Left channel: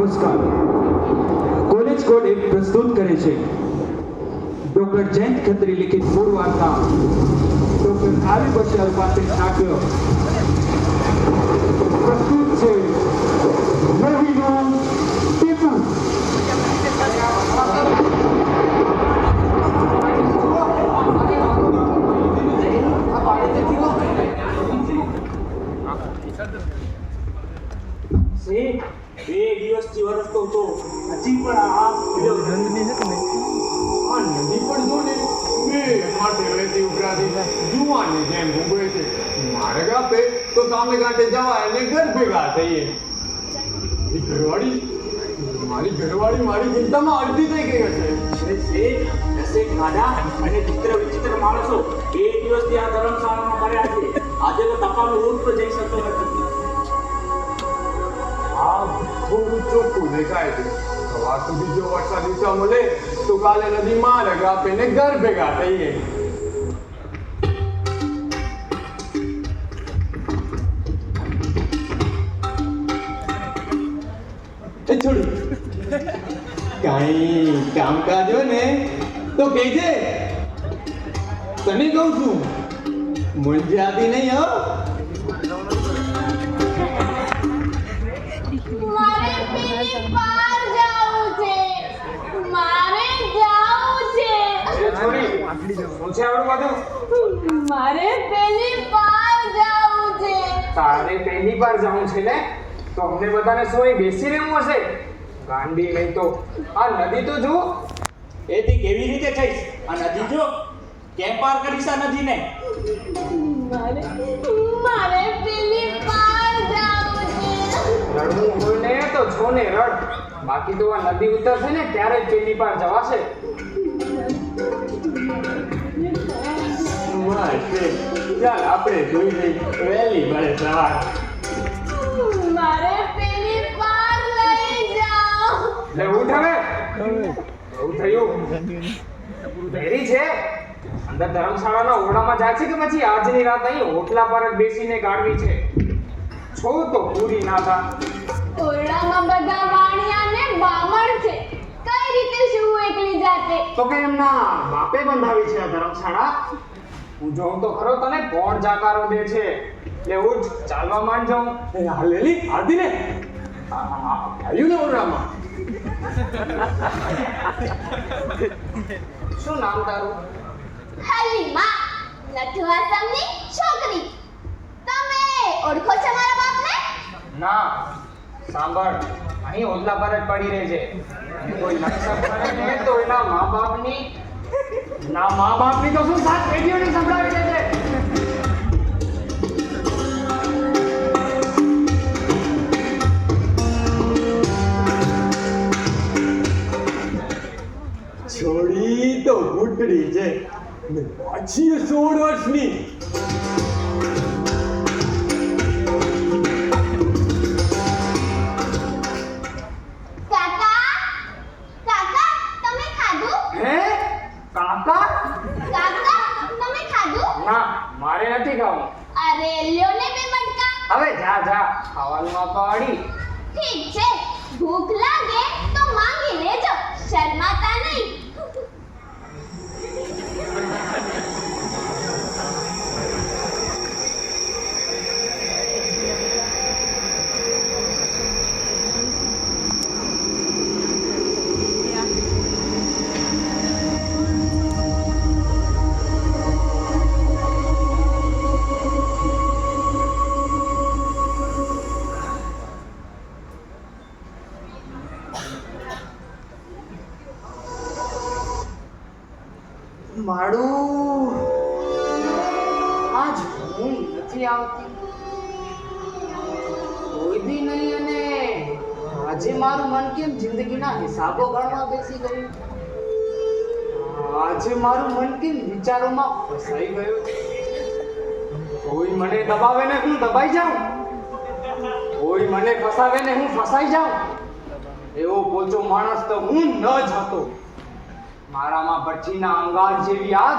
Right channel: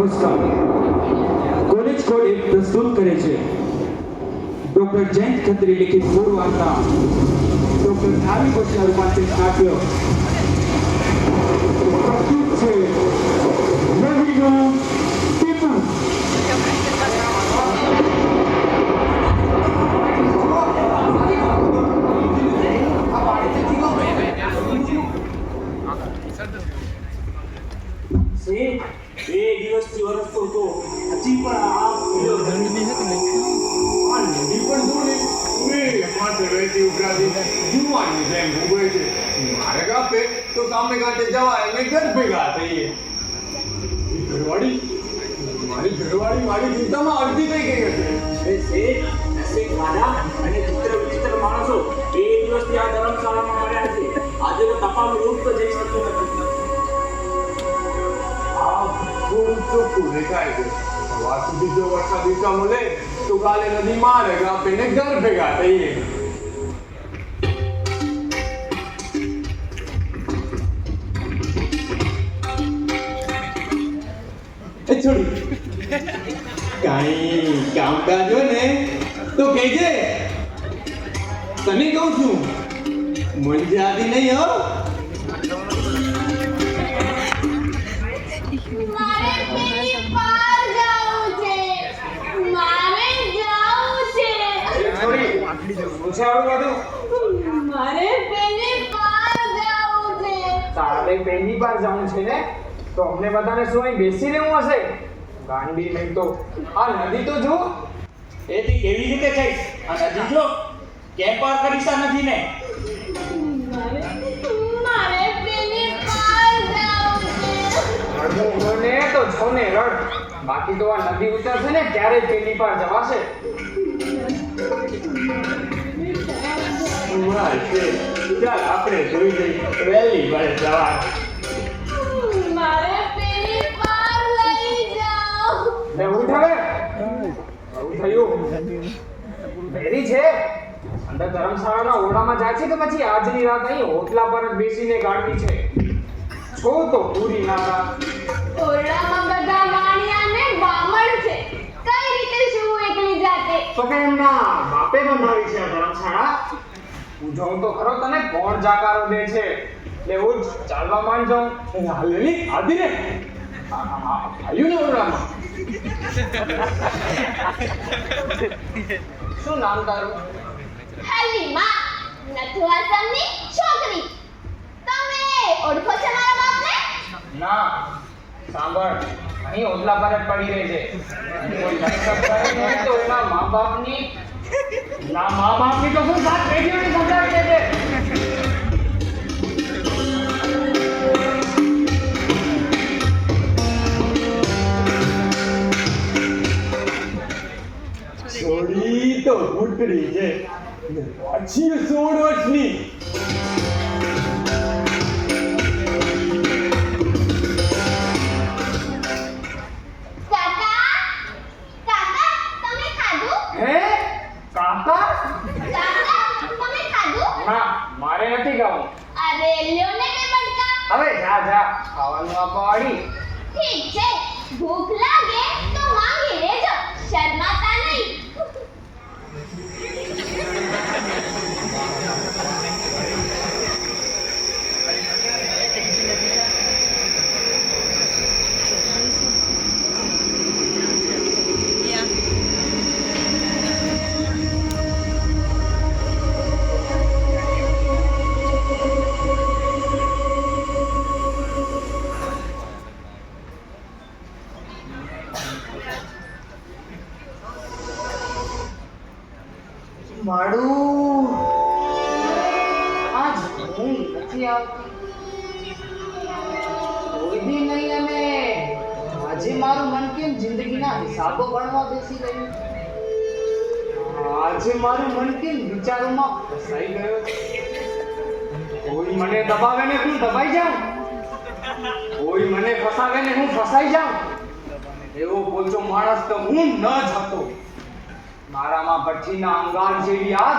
નમસ્કાર. College code એક પ્રસ્તુત કરે છે. ડોક્ટર જયંત ખત્રી લિખિત મૂળ વાર્તા. ડોક્ટર આરવી બસિયા રૂપાંતરિત નાટ્ય. પ્રસ્તુત છે. ચોખ્ખું દેખાય હોય ને તો કહેજે. તને કહું છું મૂંઝાતી નહીં હો. તારે પહેલી વાર જવું છે ને? તો અમને બધાને શું અહીં બેસી રહેવું હશે? ગાંડી નહીં તો. આ નદી તો જો એથી કેવી રીતે જઈશ? આ નદી જો કેમ પાર કરીશ આ નદીને? મારે મારે પેલી પાર જવું છે. રડવું હોય ને તો છો ને રડ. બાકી તો આ નદી ઉતરશે ને ત્યારે જ પેલી પાર જવાશે વાર છે? ચાલ આપણે જોઈ જઈ વહેલી મળે સવાર. મારે પેલી પાર લઈ જાઓ લે ઉઠ હવે. બહુ થયું. ભેરી છે. અંદર ધર્મશાળાના ઓરડામાં જાય છે કે પછી? આજની રાત અહીં હોટલા પર જ બેસીને ગાળવી છે. છો તો પૂરી ના થા. ઓરડામાં બધા વાણિયાને બામણ છે. કઈ રીતે શું એકલી જાતે? તો કે એમના બાપે બનાવી છે આ ધર્મશાળા? જોઉં તો ખરો તને કોણ જાકારો દે છે? એટલે હું જ ચાલવા માંડ જાઉં આ લેલી આદિ ને આવ્યું ને ઓરડામાં શું નામ તારું? હલીમા. નથુ આસમની છોકરી. તમે ઓળખો છો મારા બાપને? ના સાંભળ. અહીં ઓદલા પર જ પડી રહે છે. કોઈ નક્કર કરે તો એના મા બાપની ના મા બાપની તો શું સાત પેઢીઓની સંભળાવી દે છોડી તો ફૂટડી છે. પછી સોળ વર્ષની. ખાવાનું આપવા વાળી ઠીક છે. ભૂખ લાગે તો માંગી લેજો શરમાતા નહીં. મને દબાવે ને હું દબાઈ જાઉં? કોઈ મને ફસાવે ને હું ફસાઈ જાઉં? એવો પોચો માણસ તો હું ન જ હતો. મારામાં ભઠ્ઠીના અંગાર જેવી આગ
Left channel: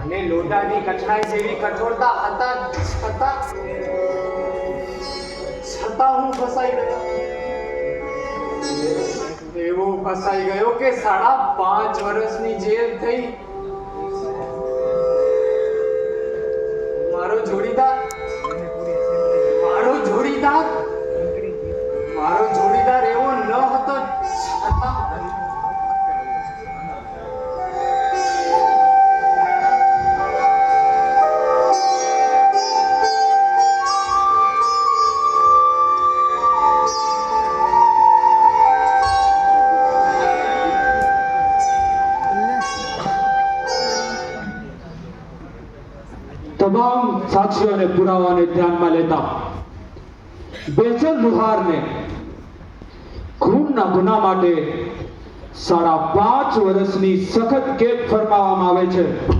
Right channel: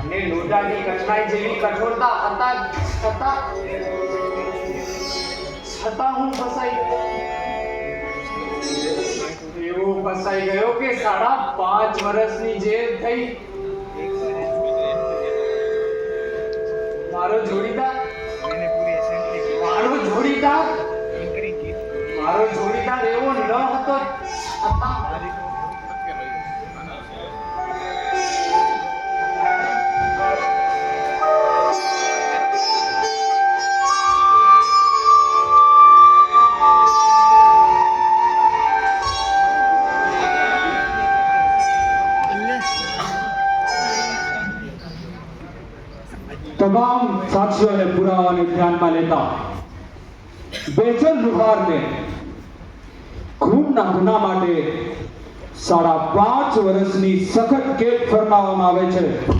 અને લોઢાની કચરાઈ જેવી કઠોરતા હતા છતાં છતાં હું ફસાઈ ગયો. એવો ફસાઈ ગયો કે સાડા પાંચ વર્ષની જેલ થઈ મારો જોડીદાર? મારો જોડીદાર? મારો જોડીદાર એવો તમામ સાક્ષીઓ અને પુરાવાને ધ્યાનમાં લેતા બેચલ લુહારને ખૂનના ગુના માટે સાડા પાંચ વર્ષની સખત કેદ ફરમાવવામાં આવે છે.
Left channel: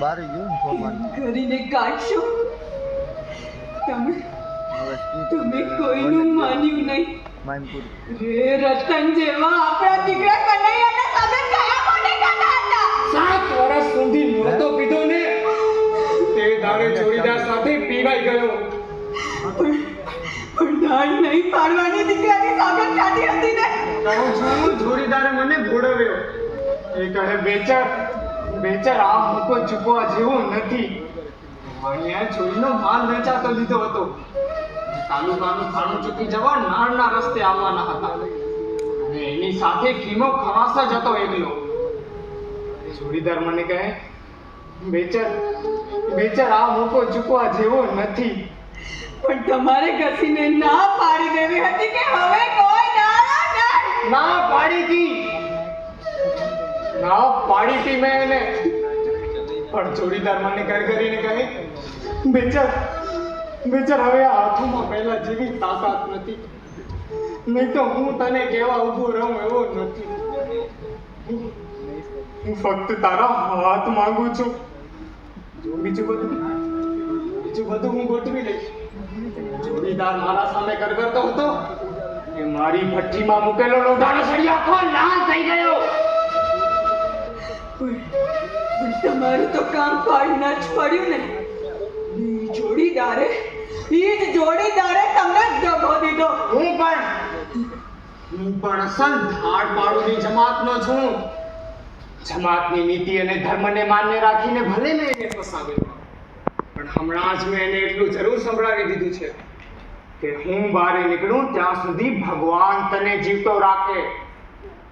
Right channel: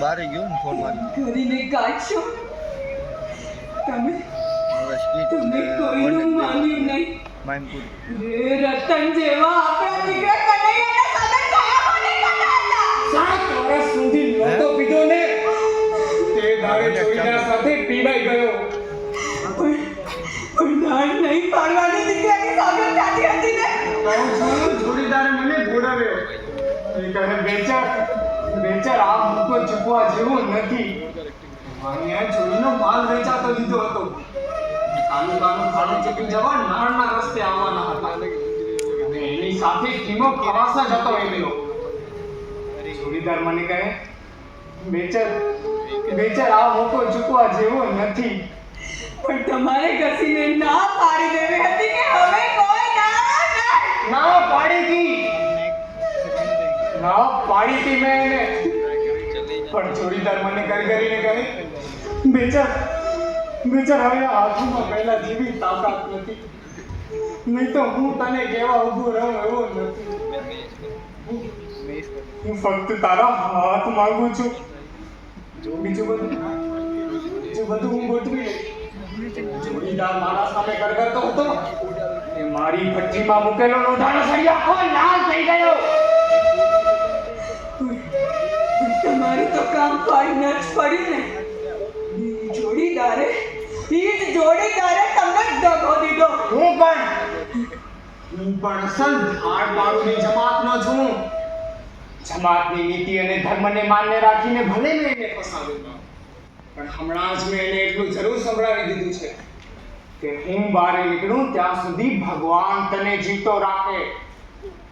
બારે ગયો ને ફોન મારી. કરીને કાઢશો તમે તમે કોઈનું માન્યું નહીં. માનપુર. રે રતન જેવા આપણા દીકરા કનૈયાના સગન કયા કોને કહેતા હતા. સાત વર્ષ સુધી નહોતો પીધો ને. તે દાડે જોડીદાર સાથે પીવાઈ ગયો. પણ પણ નહીં પાડવાની દીકરાની સામે કાઢી હતી ને. તો છું જોડીદારે મને ભોળવ્યો. એ કહે બેચર બેચર આ મૂકો ચૂકવા જેવો નથી. અહીંયા જોઈનો માલ વેચાતો લીધો હતો. તાલુકાનું ખાડું ચૂકી જવા નાળના રસ્તે આવવાના હતા. અને એની સાથે કીમો ખવાસ જ હતો એમનો. જોડીદાર મને કહે બેચર વેચર આ મોકો ચૂકવા જેવો નથી. પણ તમારે ઘસીને ના પાડી દેવી હતી કે હવે કોઈ ના ના પાડી. દી ના પાડી મેં એને પણ જોડીદાર મને કઈ કરીને કહે બેચાર બેચાર હવે આ હાથમાં પહેલા જેવી તાકાત નથી. નહીં તો હું તને કેવા ઊભો રહું એવો નથી. હું ફક્ત તારા હાથ માંગુ છું. જો બીજું બધું? બીજું બધું હું ગોઠવી લઈશ. જોડીદાર મારા સામે ગરગરતો હતો કે મારી ભઠ્ઠીમાં મૂકેલો લોઢાનો સળિયો આખો લાલ થઈ ગયો. તમારું તો કામ પાડીને જ પડ્યું ને. ઈ જોડીદારે ઈ જ જોડીદારે તમને દગો દીધો. હું પણ હું પણ ધાડ બાળુની જમાતનો છું. જમાતની નીતિ અને ધર્મને માન્ય રાખીને ભલે મેં એને ફસાવ્યો પણ હમણાં જ મેં એને એટલું જરૂર સંભળાવી દીધું છે કે હું બહાર નીકળું ત્યાં સુધી ભગવાન તને જીવતો રાખે.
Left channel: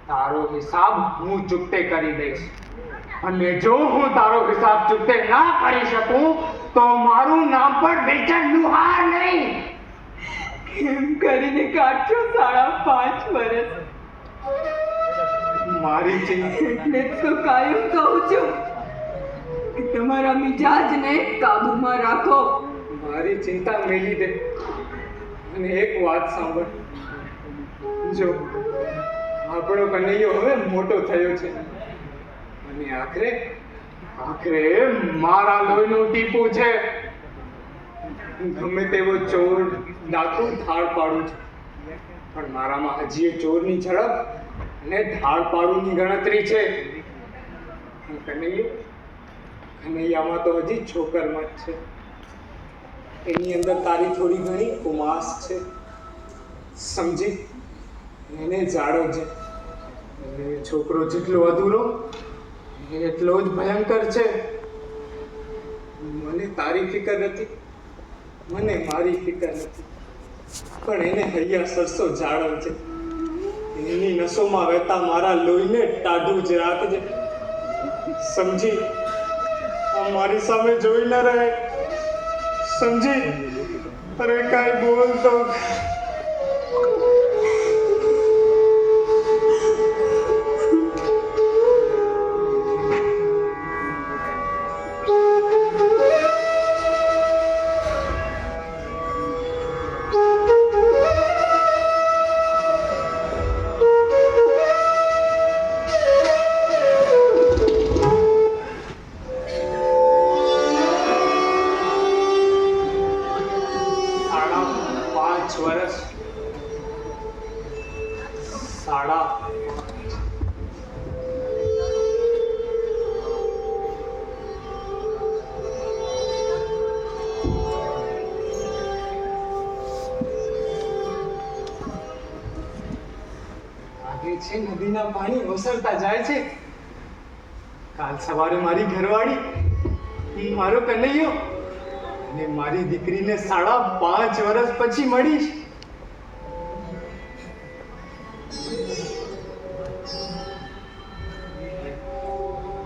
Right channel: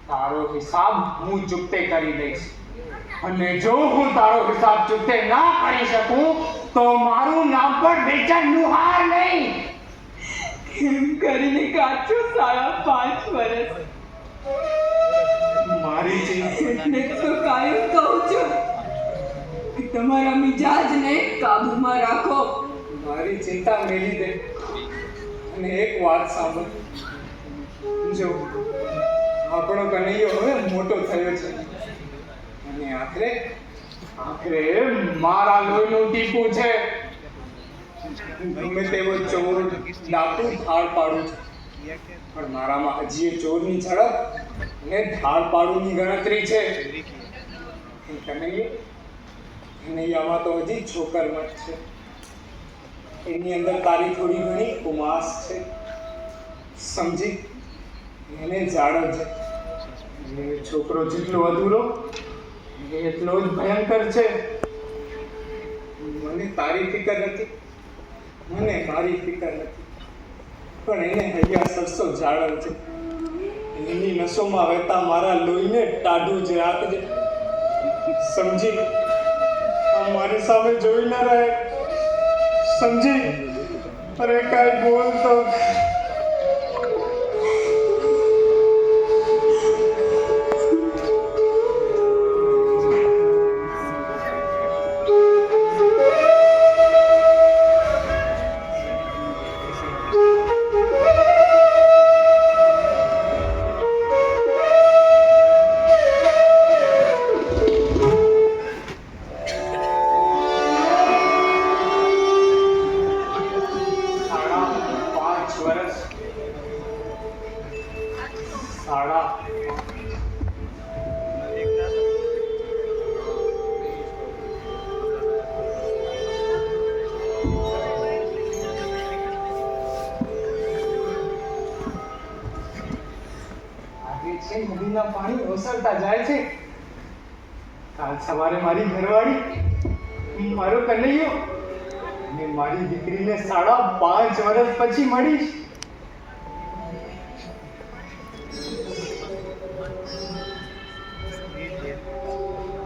તારો હિસાબ હું ચૂકતે કરી દઈશ. અને જો હું તારો હિસાબ ચૂકતે ના કરી શકું તો મારું નામ પણ બેચન લુહાર નહીં. કેમ કરીને કાચો સાડા પાંચ વર્ષ મારી ચિંતા એટલે જ તો કાયમ કહું છું કે તમારા મિજાજને કાબૂમાં રાખો. મારી ચિંતા મેલી દે. અને એક વાત સાંભળ. જો આપણો કનૈયો હવે મોટો થયો છે. અને આખરે આખરે મારા લોહીનો ટીપું છે. ગમે તેવો ચોર ડાકુ થાળ પાડું છું. પણ મારામાં હજી એ ચોરની ઝડપ અને થાળ પાડુની ગણતરી છે. કનૈયો, કનૈયામાં તો હજી છોકરમાં જ છે. એની અંદર તારી થોડી ઘણી ઉમાસ છે. સમજી, એને જાળવજે છોકરો જેટલો અધૂરો એટલો જ ભયંકર છે? મને તારી ફિકર નથી. મને મારી ફિકર નથી. પણ એને હૈયા સરસો જાળવજે એની નસોમાં વહેતા મારા લોહીને ટાઢું જ રાખજે. સમજી? આ મારી સામે જોઈ ન રહે. સમજી? અરે કાંઈ બોલ તો નદીના પાણી ઓસરતા જાય છે. કાલ સવારે મારી ઘરવાળી મારો કનૈયો અને મારી દીકરીને સાડા પાંચ વર્ષ પછી મળીશ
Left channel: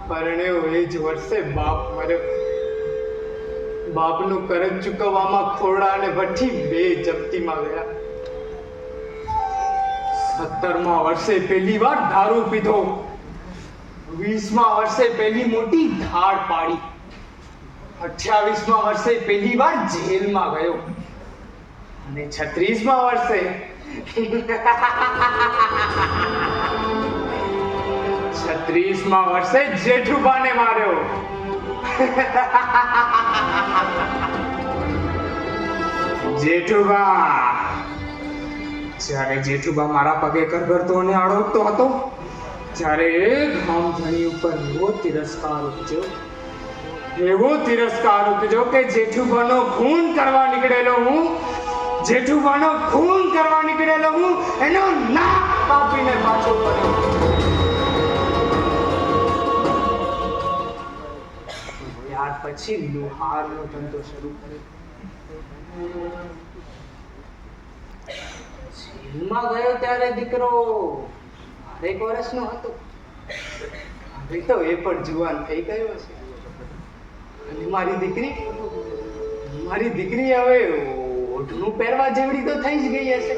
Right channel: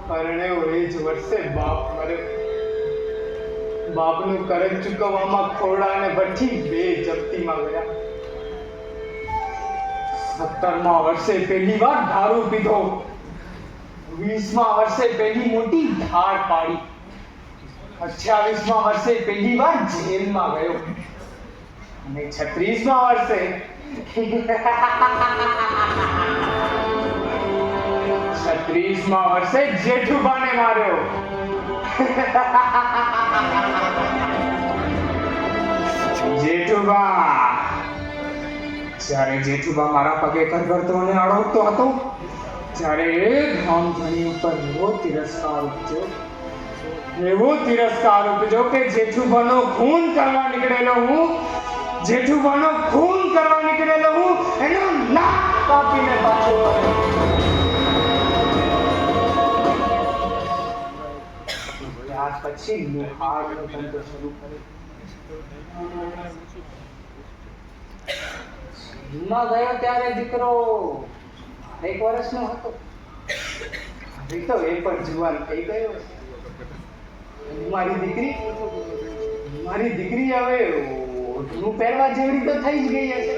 પરણે એ જ વર્ષે બાપ મર્યો. બાપનું કરજ ચૂકવવામાં ખોરડા અને વઠ્ઠી બે જપ્તીમાં ગયા. સત્તરમા વર્ષે પહેલી વાર દારૂ પીધો. વીસમાં વર્ષે પહેલી મોટી ધાર પાડી. અઠ્યાવીસમાં વર્ષે પહેલી વાર જેલમાં ગયો. અને છત્રીસમાં વર્ષે છત્રીસમાં વર્ષે જેઠુબાને માર્યો. જેઠુબા. જ્યારે જેઠુબા મારા પગે કરગરતો અને અડવતો હતો, જ્યારે એક ગામધણી ઉપર એવો તિરસ્કાર ઉપજ્યો, એવો તિરસ્કાર ઉપજ્યો કે જેઠુબાનો ખૂન કરવા નીકળેલો હું, જેઠુબાનો ખૂન કરવા નીકળેલો હું, એનો નાક કાપીને પાછો પડ્યો. પછી લુહારનો ધંધો શરૂ કર્યો. જેલમાં ગયો ત્યારે દીકરો એક વર્ષનો હતો. તો એ પણ જુવાન થઈ ગયો છે મારી દીકરી મારી દીકરી હવે ઓઢણું પહેરવા જેવડી તો થઈ જ ગઈ હશે.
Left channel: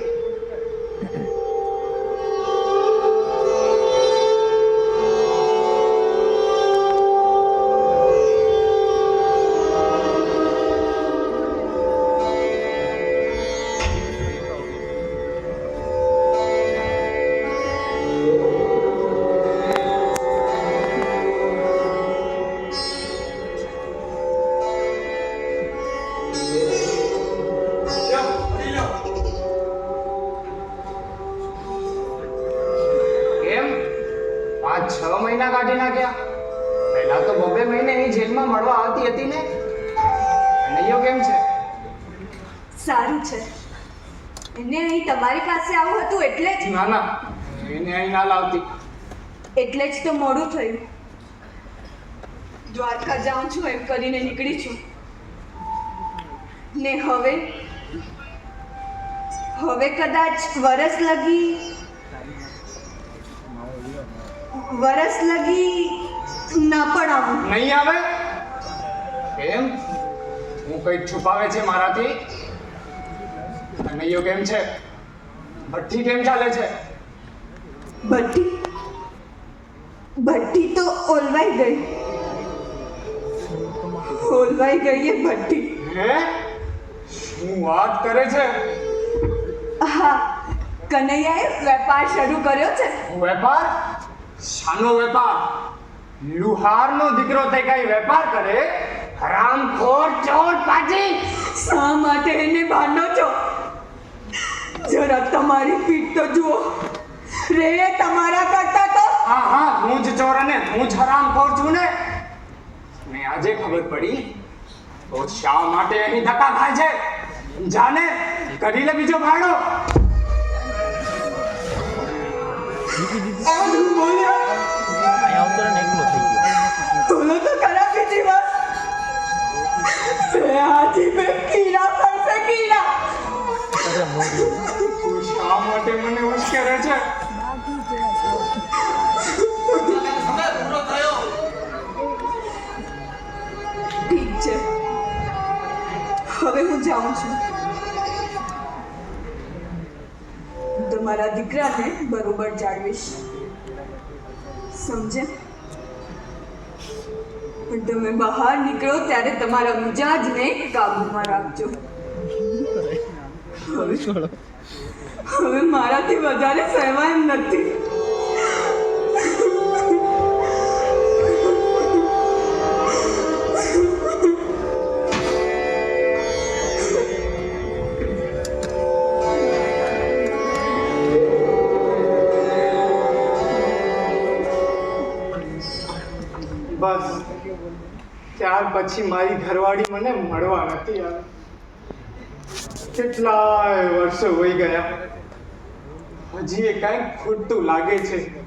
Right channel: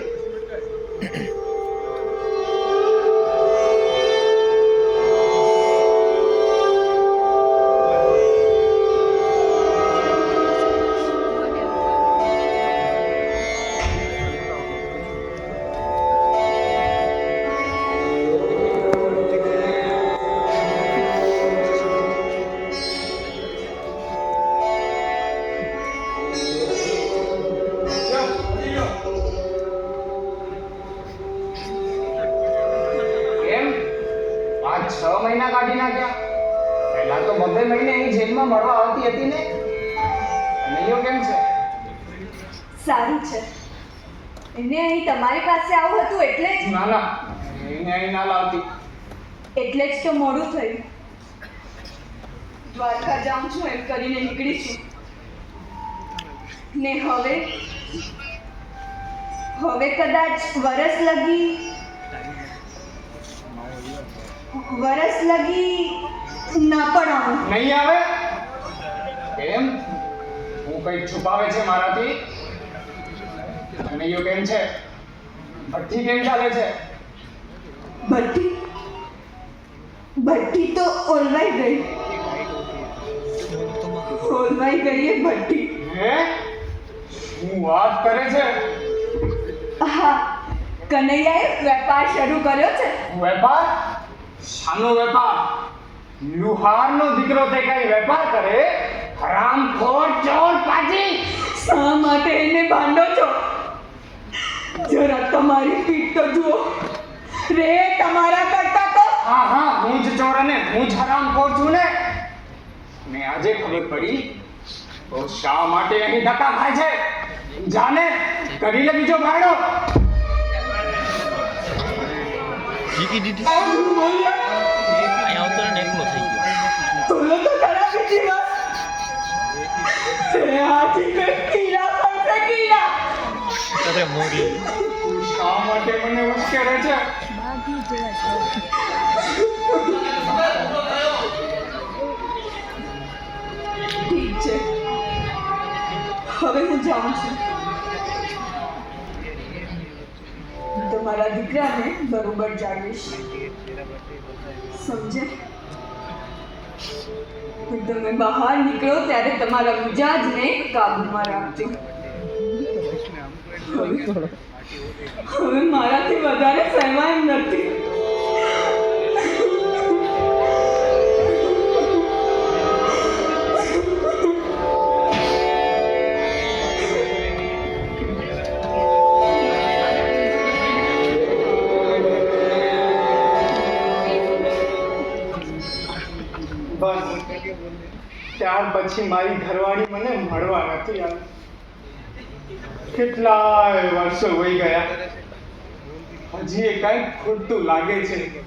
કરીને નીકળી છું ને હવે હવે કદાચ વરસ લગી વરસ લગી ના પણ આવું. નહીં આવે? કેમ? હું કંઈક છુપાવે છે મારાથી? નહીયો કેમ છે? ભઠ્ઠી કેમ ચાલે છે? ભઠ્ઠી? ભઠ્ઠી તો ઓલવાઈ ગઈ. ઓલવાઈ ગઈ એ ભઠ્ઠી હે? શું વાત કરે છે? હા કનૈયાએ વેપાર શરૂ કર્યો છે. વેપાર? શાનો વેપાર? લુહારનો દીકરો તે કઈ વેપાર કરે? હરામખોર ચોર પાજી શા માટે એને ભાંડો છો? જરા તમારી પીઠ તો જુઓ. રે તમારા કરતા તો. હા હા હું જ ચોર અને હું જ હરામખોર છું ને ને આજે ખબર પડી તો શા માટે અહીં ધક્કા ખાય છે? જાને કરી લે બીજો ભાડો જીતી દીધી. આવતો ને એકલો થઈ ગયો. બોલો તો ખરા બીજી વાર રે હાજી પે કીડા પડશે કીડા અરે મોરી. શા માટે મને ઉશ્કેરે છે? હું જાઉં છું. તમારા દીકરાને બરોબર જાળવીશ. સમજે? પણ તમે બહાર નીકળો ત્યારે તમારા મિજાજને કાબૂમાં રાખજો. હવે હવે પછી મારી ઘરવાળી મને મળવા નથી આવી. કેટલાય વર્ષો વહી ગયા. હજી એ કંઈક ખૂટતું લાગે છે.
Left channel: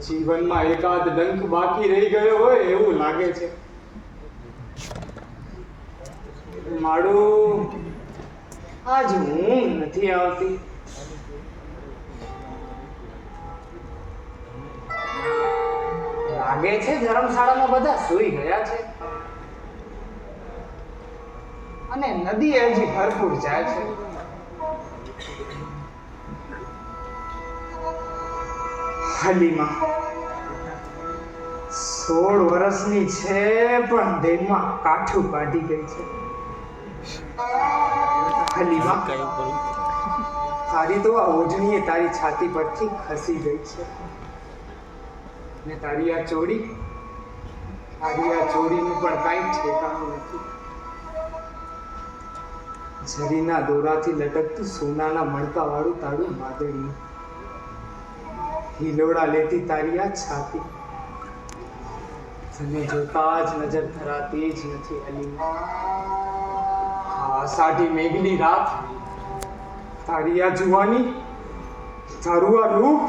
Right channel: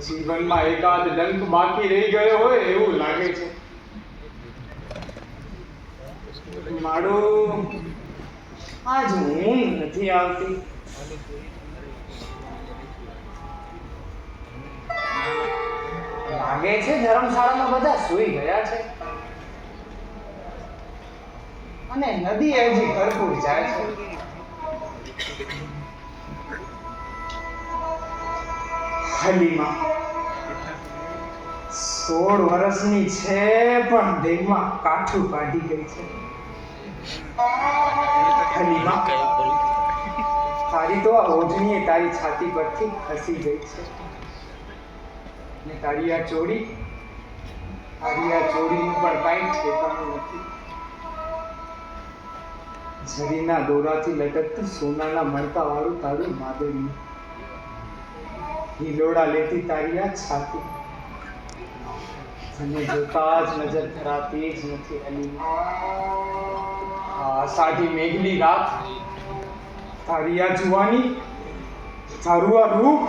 જીવનમાં એકાદ ડંક બાકી રહી ગયો હોય એવું લાગે છે. મારું આજ ઊંઘ નથી આવતી. નદી હજી ભરપૂર જાય છે. હલીમા. સોળ વર્ષની છે, પણ દેહમાં કાઠું કાઢી ગઈ છે. તારી તો આ ઓઢણીએ તારી છાતી પરથી ખસી ગઈ છે. ને તારી આ ચોરી તારી આ ચોરીનું પણ કાંઈ ઠેકાણું નથી. જરીના દોરાથી લટકતું સોનાના મણકા વાળું તારું માદળિયું હિલોડા લેતી તારી આ છાતી. તને જોતા જ નજર ધરાતી જ નથી અલી આ સાડી મેઘલી રાત. તારી આ જુવાની, તારું આ રૂપ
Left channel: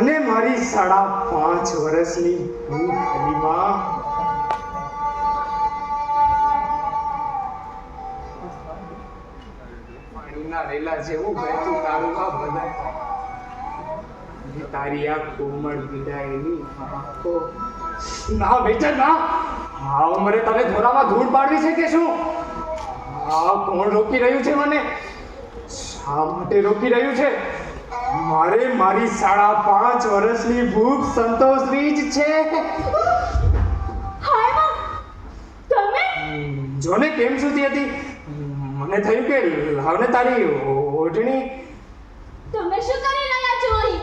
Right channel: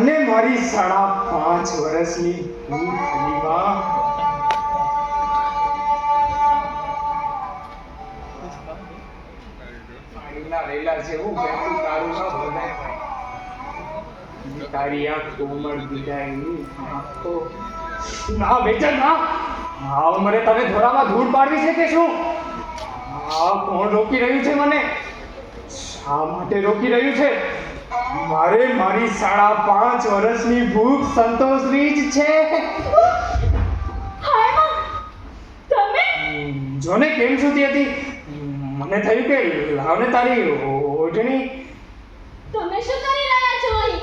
અને મારી સાડા પાંચ વર્ષની ભૂખ અલીમાં પાણીના છે એવું વહેતું તારું ના બનાય ને? તારી આ કોમળ વિદાયની તો ના બેટા ના હા ઉંમરે તને ધોરામાં ધૂળ પાડવી છે કે શું? હા કોણ રોકી રહ્યું છે મને? શા માટે રોકી રહ્યું છે? મારે મારી સાડા પાંચ વર્ષની ભૂખ સંતોષવી જ છે. જોને કેમ સુધી હતી? મને થયું કે લાવને તારી ઓઢણી? તમે શું કરી રહ્યા છો અહીં?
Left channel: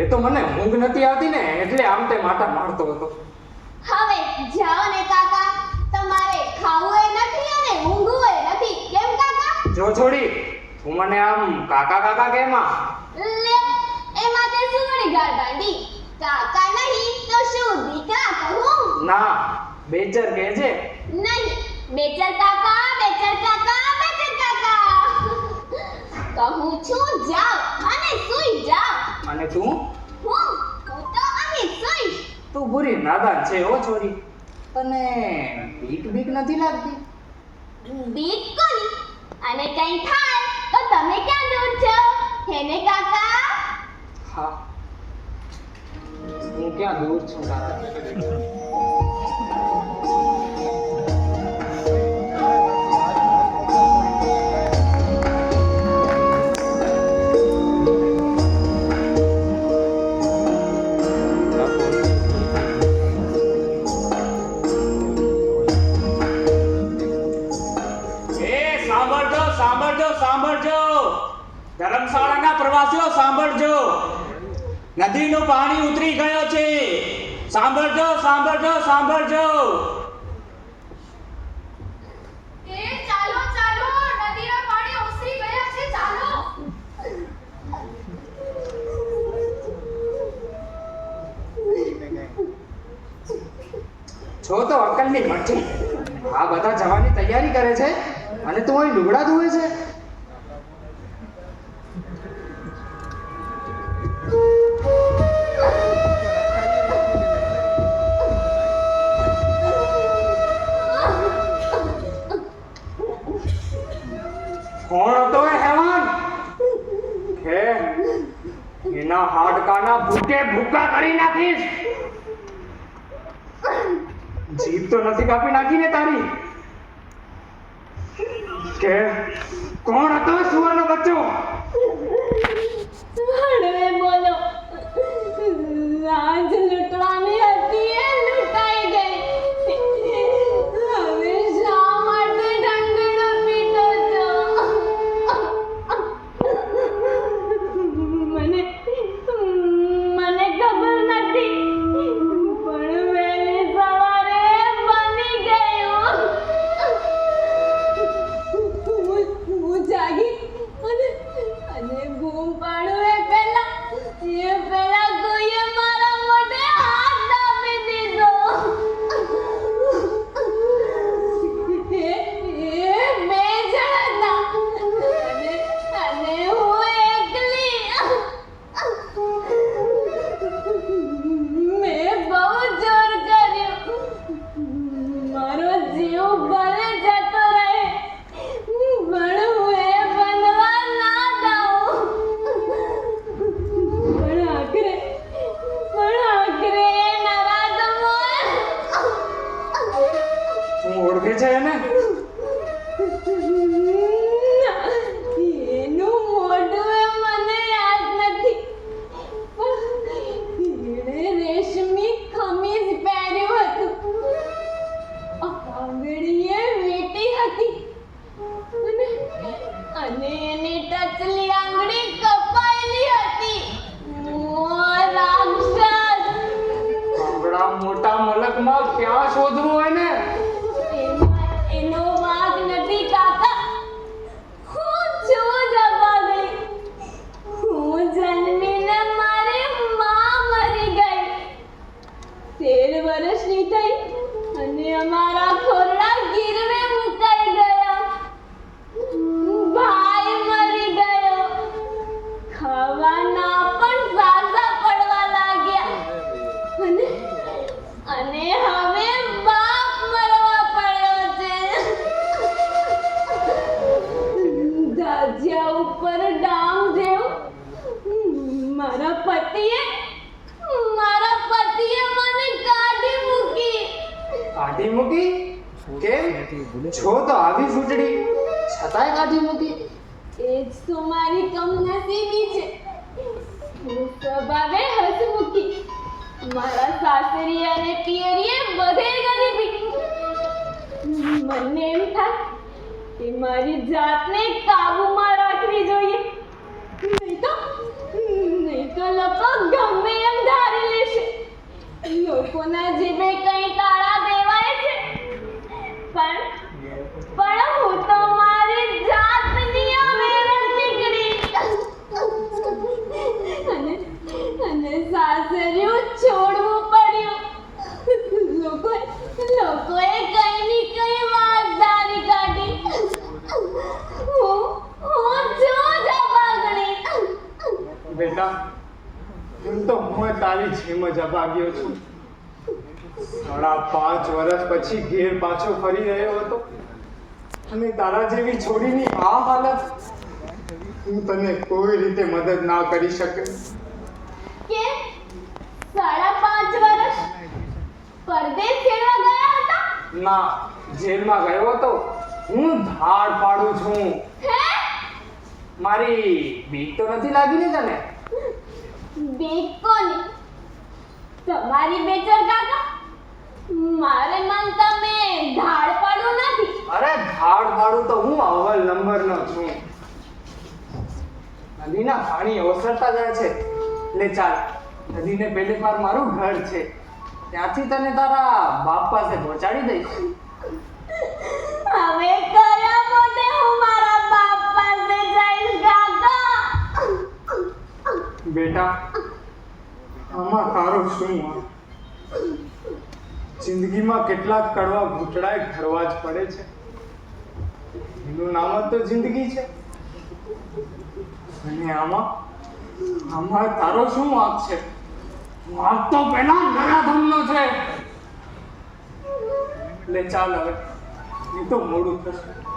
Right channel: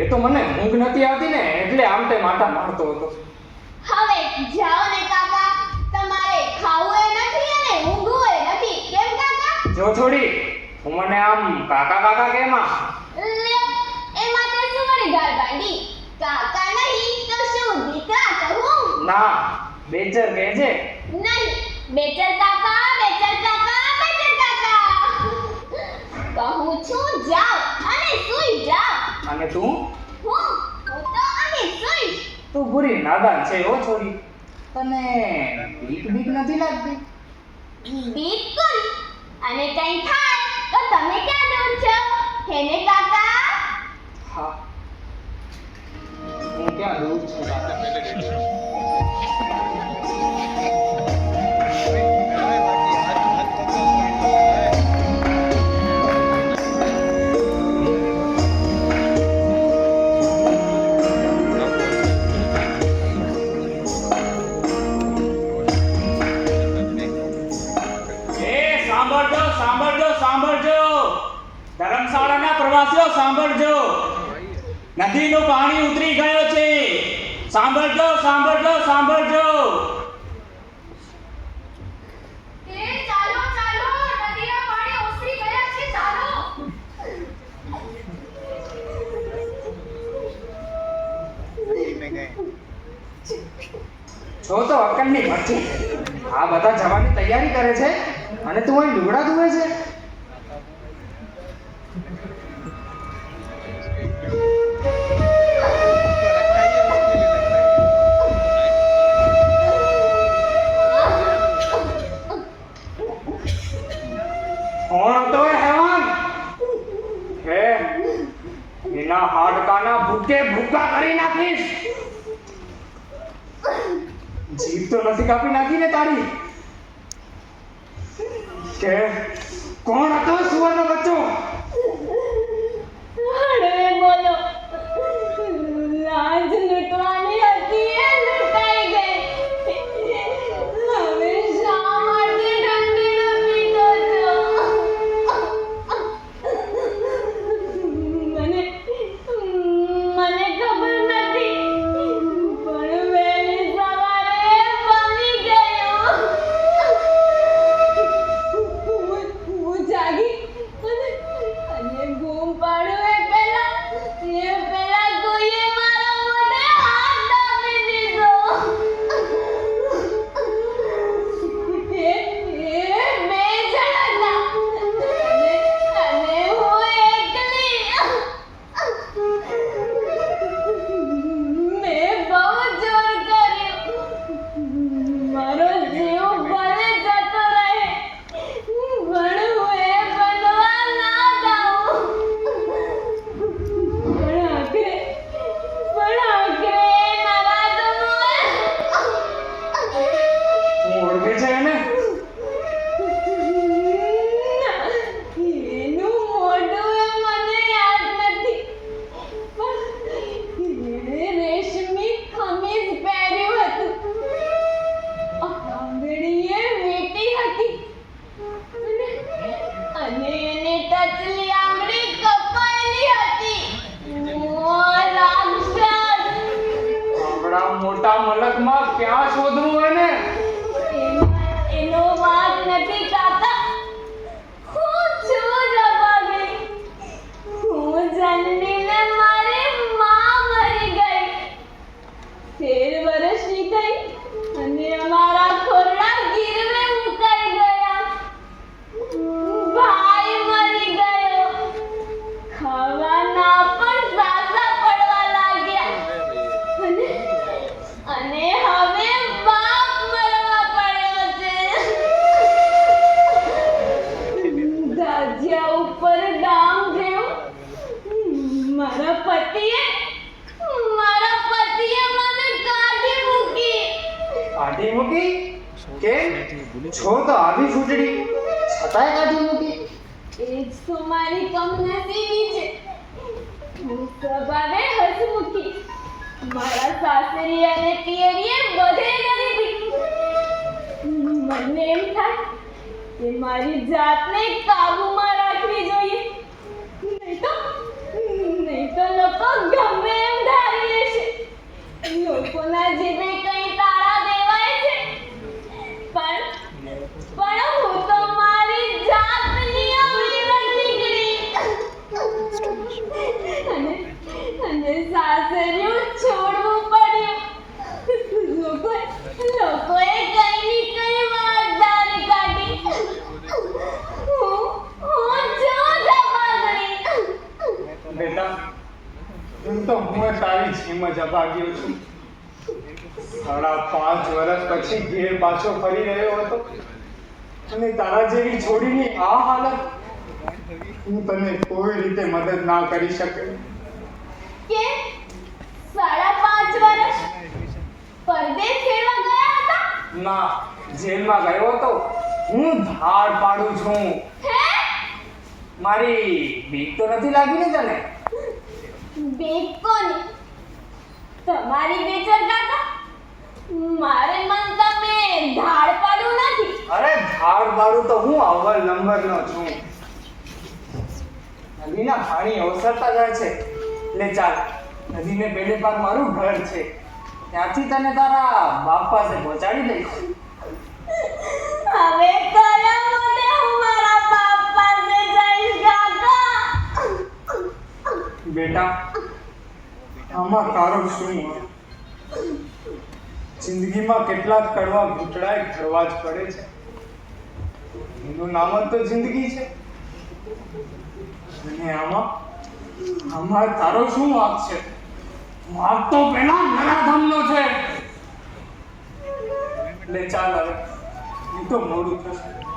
એ તો મને ઊંઘ નથી આવતી ને એટલે આમ તે માટા મારતો હતો. હવે જાઓ ને કાકા તમારે ખાવું એ નથી અને ઊંઘવું એ નથી. કેમ કાકા? જો છોડી હું મને આમ કાકા કાકા કેમ આ? લે એમાં તે શું વળી ગાળ બાંધી? કાકા નહીં તો શું દીકરા કહું? ના બેચર કહે છે નહીં બેચર કાકા કહું છું જાઓ અને સૂઈ જાઓ અને તું? હું? હું તો અહીં સૂઈશ. તું બુરી નાદાન છે ઓ છોરી. તને બીક બીક નથી લાગતી? બીક કોની અને કંઈ થાય તો તમે ક્યાં દૂર છો? હેને કાકા? હા. હું ક્યાં દૂર છું એ ધર્મશાળાના પ્રવાસીઓ સાંભળજો. નદીનું પાણી ઉતરી ગયો છે. સાંભળજો સાંભળજો સાંભળજો. છો તો અક્કલની ભઠ્ઠી આ બધા જવાની તૈયારી કરે છે અને તું અહીં લુગડા ધોવે છે? હાડકાના ભૂકે ભૂકા કરી નાખીશ. જીભ તો નથી કાપી નાખી ને તારી. કે કોણ હતો સુવરનો બચ્ચો? જેલમાં ગયો હતો. હું ધાડ પાડું છું. મારી બીક તો નથી લાગી ને તને? બીક કોની તમારી બેચરતા તો મારે મન તમે ધાડ પાડું નથી. અરે ધાડ પાડું તો હું અવલ નંબરનો છું. નદીના પાણી ઓસરતા જાય છે. લે ચાલ નદીને પેલે પાર મારું ઘર છે. ત્યાંથી તને તારા બાપ પાસે પહોંચાડી દઈશ. આમાં તારો શું જિંદગીમાં કેટલાક કડવા ઘૂંટડાએ કરવા જ પડે છે. એનું નામ જ તો જિંદગી છે. અને આમાં આમાં તારો શું વાત છે? વાત તો પેલા નરાધમનો છે. એટલે ચાલ હવે. Então, maluco.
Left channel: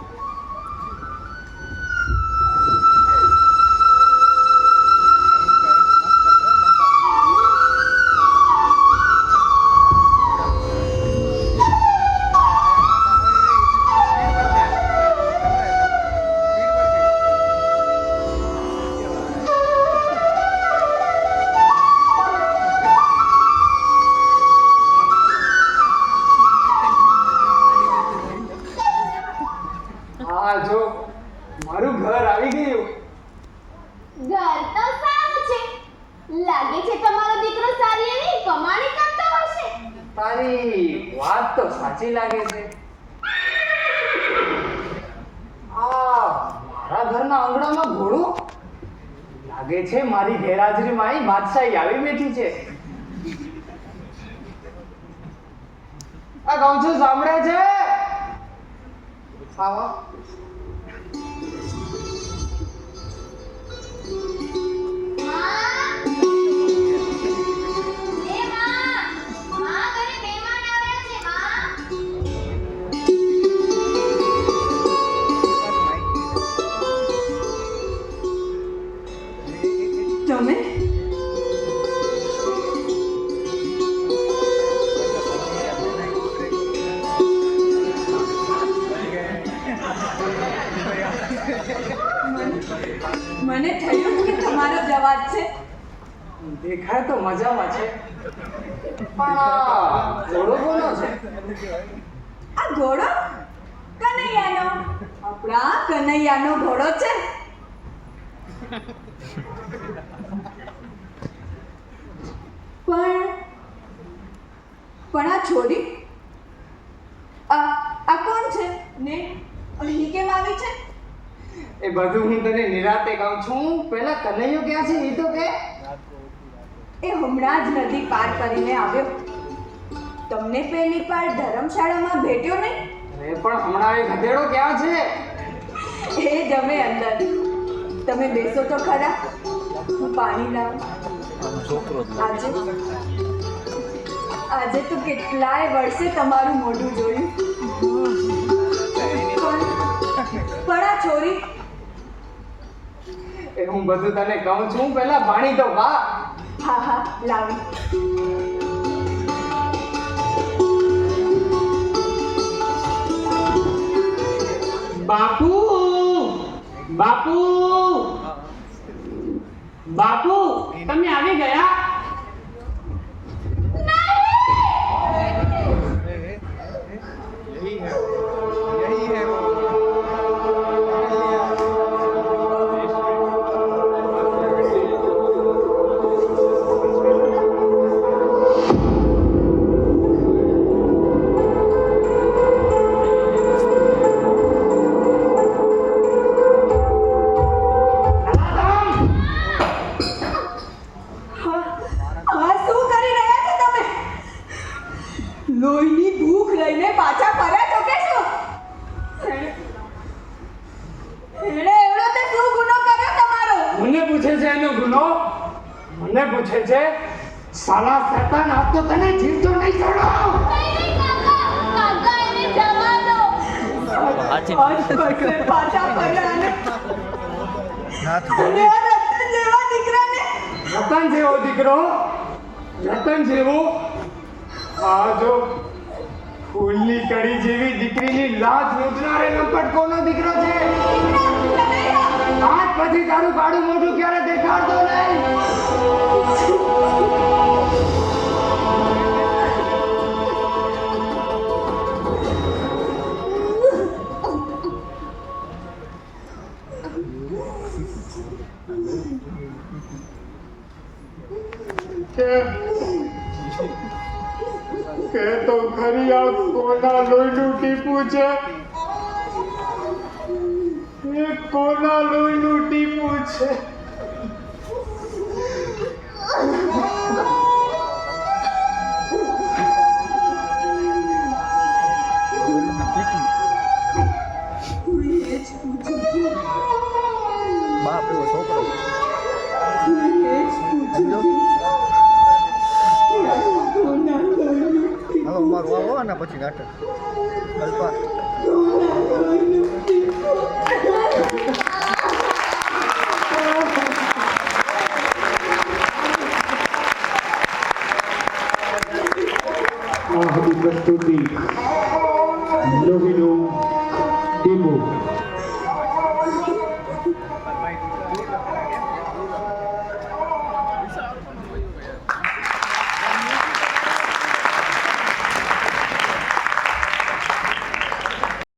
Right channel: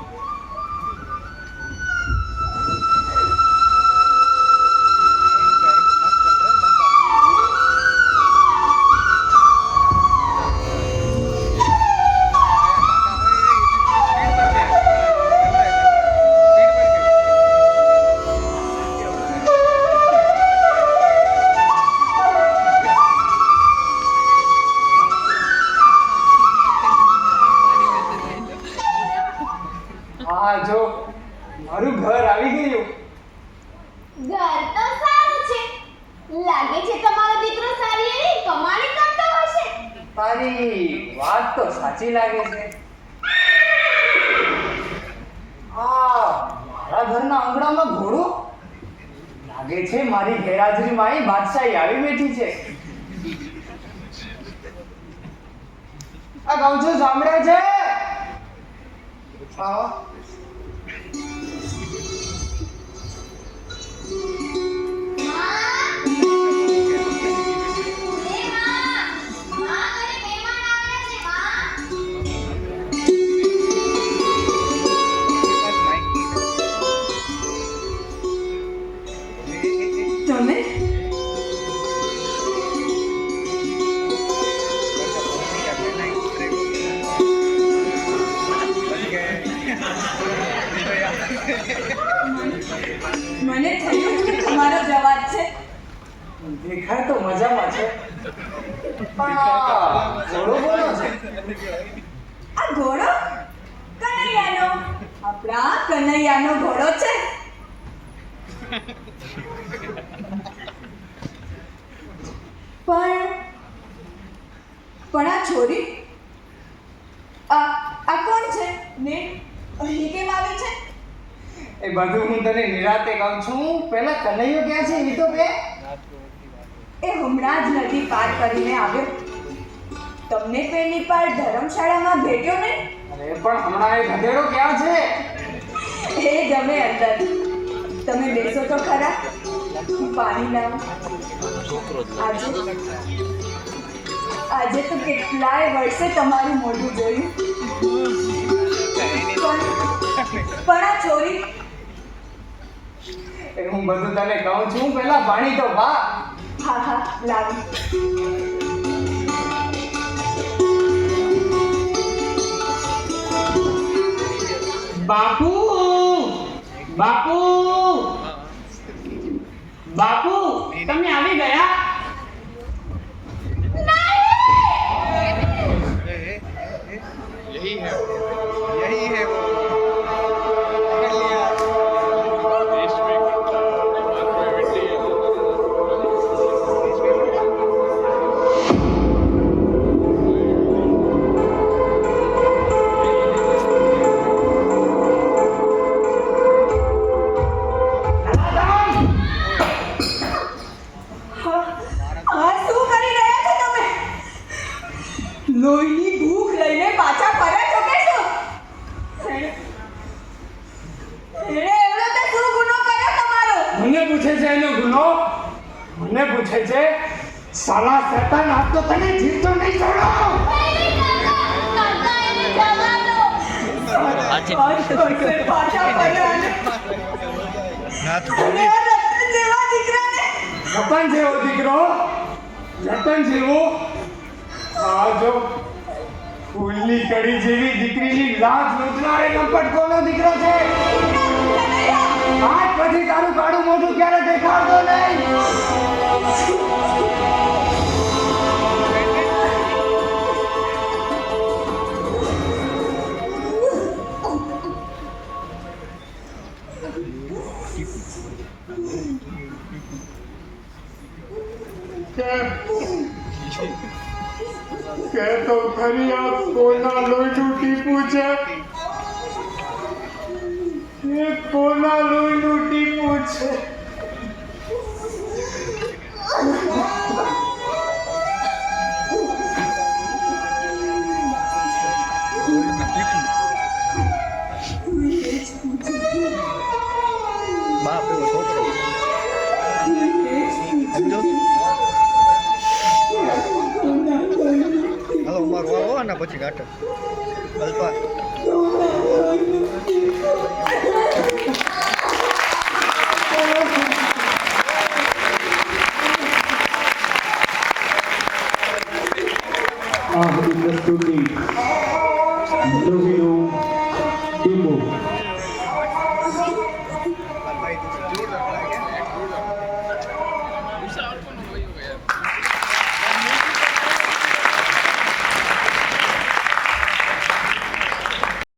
છે મારી ગેરહાજરીમાં અહીં બાદશાહી આવી બેઠી છે. આ કહું છું સાંભળે છે? આવો. ઘોડો? કનૈયાનો. આપણા કનૈયાનો ઘોડો છે. પણ પણ આ છોડી આ આ કોણ છે? ને અહીં કેમ આવે છે? એ બધું હું તને નિરાતે કહું છું. પેલા કનૈયો ક્યાં છે? એ તો કે એ હમણાં જ નદી પાર કરીને આવ્યો. તમને પેલી પાર ધર્મશાળામાં ભેટ્યો ને? અરે પણ હમણાં એ ગધેડો ક્યાં છે? એ ગમે અંદર. તમે બેસો તો ખરા. હું પાણી લાવ. આજે આજે તો કેટલાય વર્ષે તમારું મોઢું જોયું. પણ આ છોરી. એ હું બધું તને કહું છું પહેલા પાણી તો વા હા હા લાવી. સાલા સતાન આપ તો તને જીવતો નહીં છોડો. આજ રતન જેવા દીકરો રતન જેવો. આ જો ફૂલની કડી જેવી દીકરીની લાજ લૂંટનારે લંપટ કોનો દીકરો છે. આજ પછી તારું કાળું મોઢું ક્યારે દેખાડતો નહીં કે તો ખરી આ કોના લોહીનું ટીપું છે? એ કોના લોહીનું ટીપું છે? પછી નાટક અલ્પા